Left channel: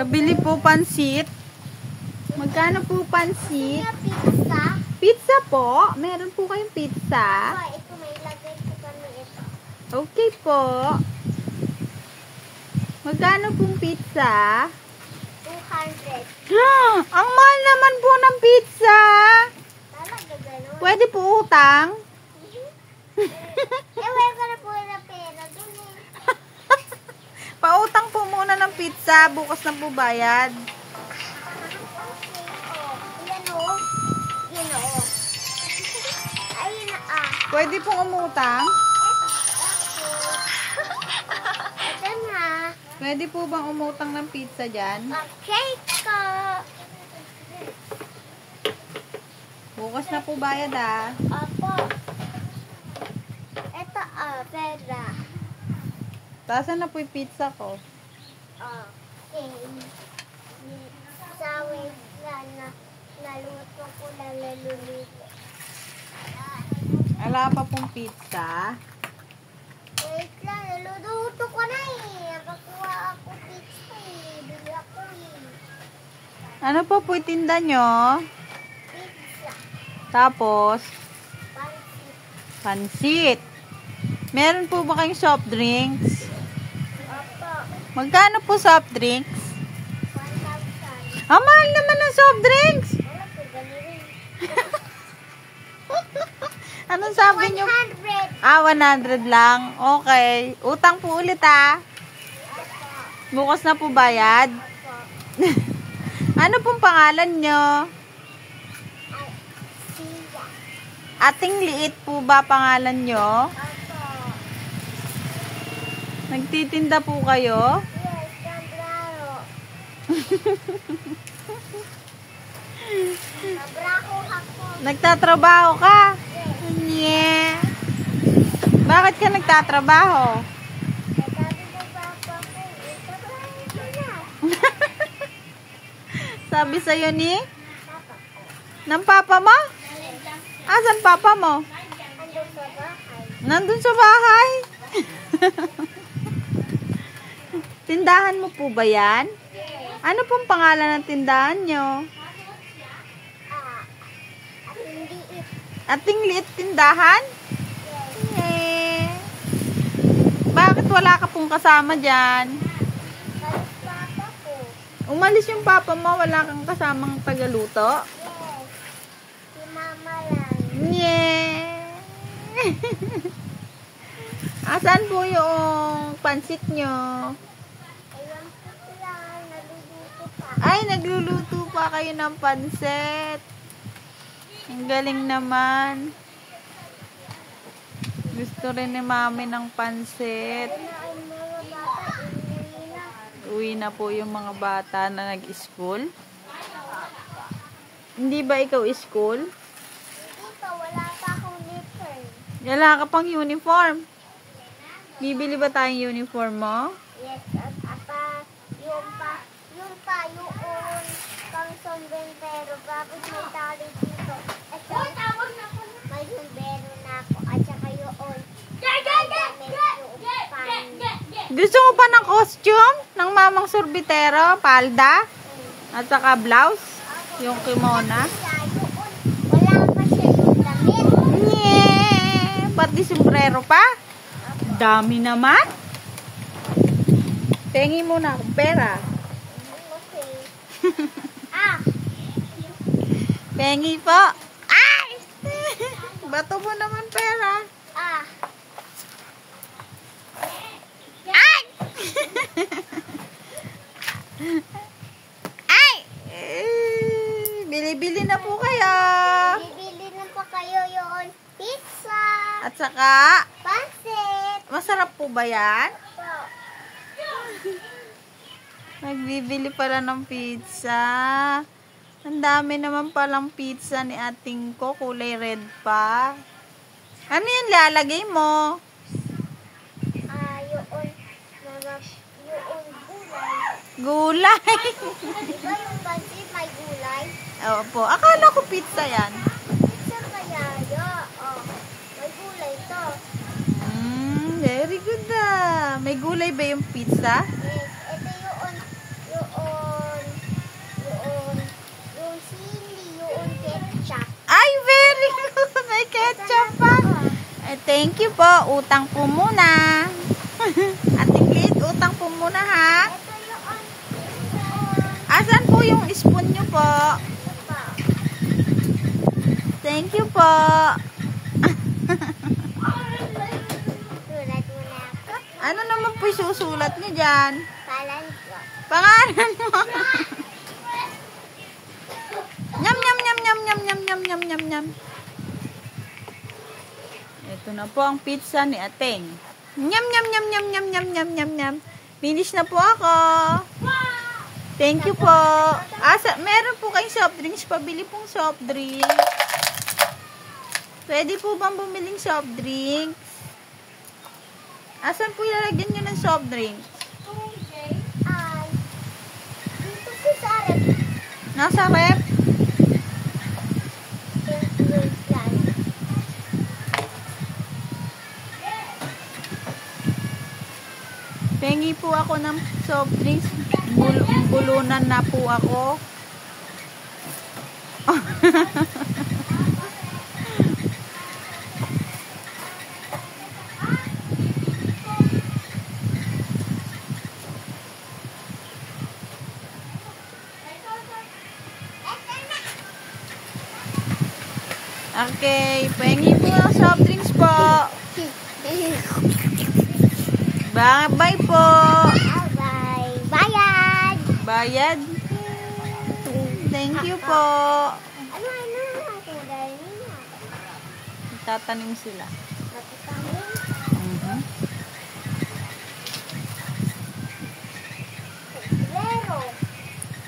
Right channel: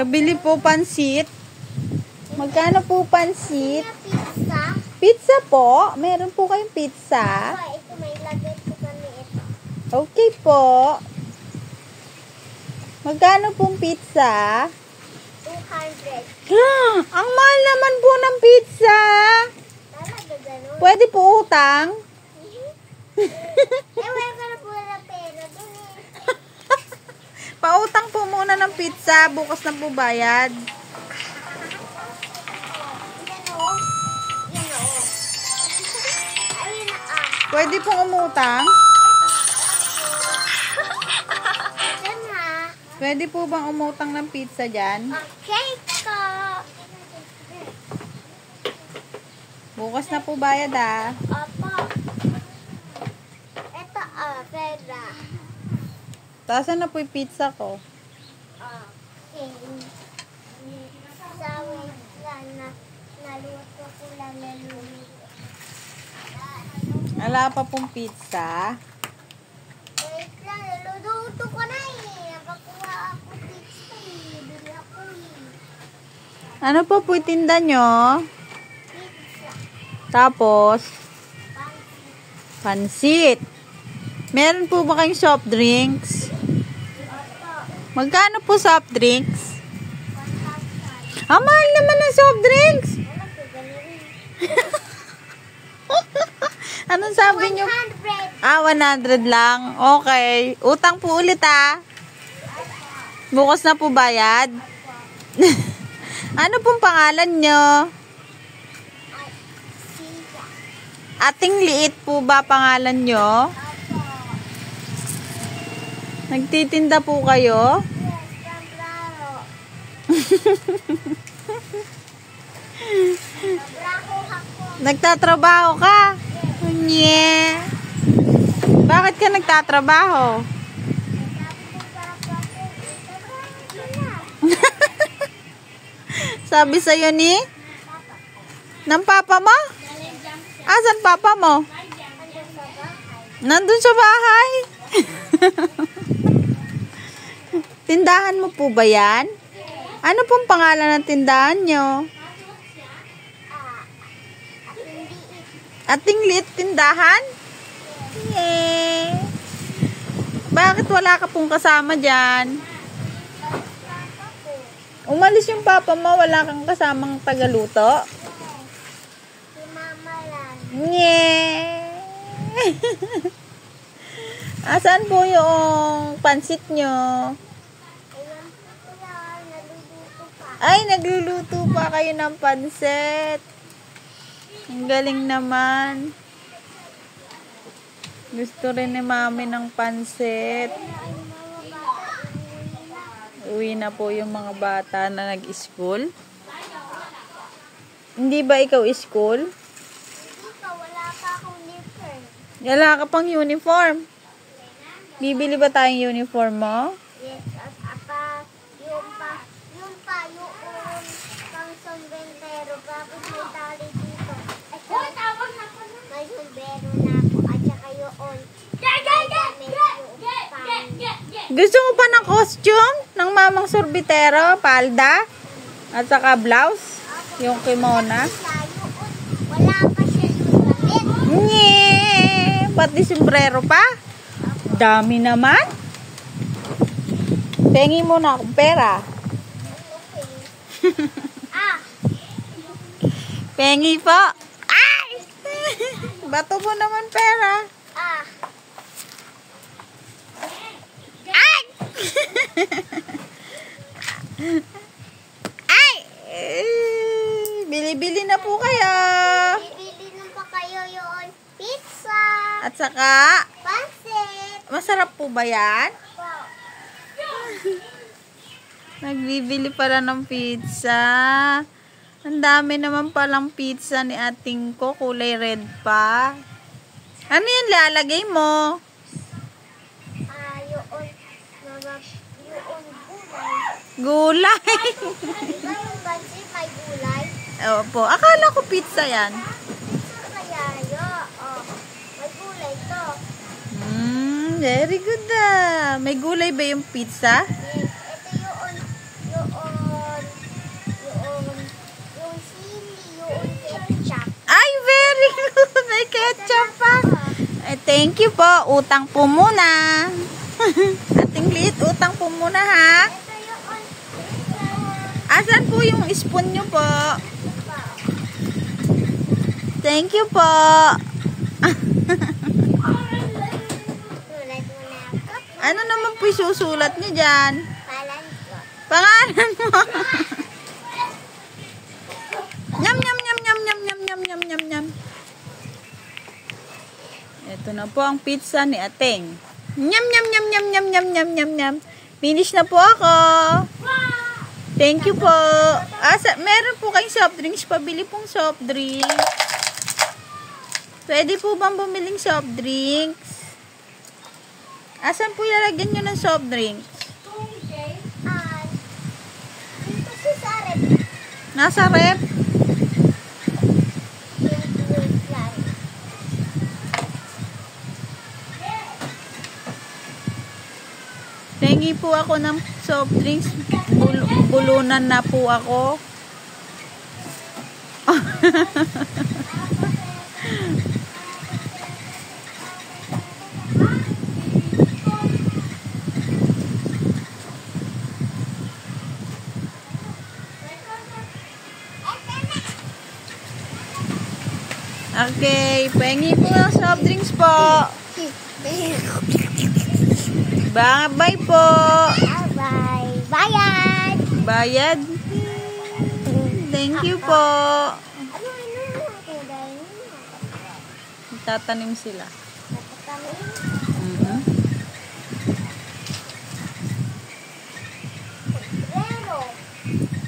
Kabili po pansit. Magkano po pansit? Pizza. Pizza po. Meron po kayong pizza. Ito may lagay ko kami ito. Okay po. Magkano pong pizza? 200. Ang mahal naman po ng pizza. Talaga ganun. Pwede po utang? Wala ka na po na pera dun eh. Pautang po muna ng pizza. Bukas na po bayad. Yan o. Yan o. Ayun na Pwede pong umutang? Ito na. Pwede po bang umutang ng pizza dyan? Okay ko. Bukas na po bayad Opo. Ito pera. Tasan na po yung pizza ko? Okay. Sa wait lang na naluto ko na naluluto. Wala pa pong pizza. Wait lang, naluluto ko na eh. Nakuha ako pizza eh. Bili ako eh. Ano po po tinda nyo? Pizza. Tapos, Pansit. pansit. Meron po ba kayong soft drinks? Opo. Magkano po soft drinks? 1,000. Ang mahal naman ng soft drinks. Wala ko ganun. Anong sabi nyo? 100. 100 lang. Okay. Utang po ulit Bukas na po bayad. Ano pong pangalan nyo? Ay, siya. Ating liit po ba pangalan nyo? Opo. Nagtitinda po kayo? Yes, sombrero. Sobrako ako. Nagtatrabaho ka? Yeah. Bakit ka nagtatrabaho? Sabi ng papa ko, sobrako ko na. Sabi sa'yo ni? Papa ko. Ng papa mo? Asan papa mo? Andun sa bahay. Nandun sa bahay. Tindahan mo po ba yan? Ano pong pangalan ng tindahan nyo? At hindi Ating liit tindahan? Yeah. Bakit wala ka pong kasama dyan? balik papa ko. Umalis yung papa mo, wala kang kasamang tagaluto? Yes. Si mama lang. Yeah. Asan po yung pansit nyo? Ayan po lang, naluluto pa. Ay, nagluluto pa kayo ng pansit. Ang galing naman. Gusto rin ni mami ng pansit. Ayun na ay mga bata, uuwi na. Uwi na po yung mga bata na nag-school. Hindi ba ikaw school? Hindi pa, wala pa akong uniform. Wala ka pang uniform. Bibili ba tayong uniform mo? Yes, at yung pang sombrero, tapos may tali dito. At may sombrero na ako, at saka yung damit yung pan. Gusto mo pa ng costume? Ng mamang sorbitero, palda? At saka blouse? Yung kimona? Wala pa siya yung damit. Nye! Pati sombrero pa? Dami naman. Pengi mo na akong pera. Okay. Pengi pa. Ay! Bato mo naman pera. Ay! Ay! Bili-bili na po kayo. Bibili na pa kayo yung pizza. At saka, Pansit. masarap po ba yan? Po. Nagbibili pala ng pizza. Ang dami naman palang pizza ni ating ko. Kulay red pa. Ano yan lalagay mo? Yung gulay. Gulay. Diba yung pansit may gulay? Opo. Akala ko pizza yan. Pizza kaya yun. May gulay to. Very good May gulay ba yung pizza? Yes. Ito yung ketchup pa. Thank you po. Utang po muna. Ating liit, utang po muna ha. Ito yung on. Asan po yung spoon nyo po? Thank you po. Sulat mo na ako. Ano naman po susulat nyo dyan? Palan ko. Pangalan mo. Nyam, nyam, nyam, nyam, nyam, nyam, nyam, nyam, nyam, nyam. Ito na po ang pizza ni Ateng. Nyam, nyam, nyam, nyam, nyam, nyam, nyam, nyam, nyam. Finish na po ako. Thank you po. Meron po kayong soft drinks. Pabili pong soft drinks. Pwede po bang bumiling soft drinks? Asan po ilalagyan nyo ng soft drinks? Dito si Sarep. Nasa rep? Wait lang. Pengi po ako ng soft drinks. Bulunan na po ako. Okay, pengi po ng soft drinks po. Bye po. Bye. Bayad. Bayad. Thank you po. Ano? Tatanim sila.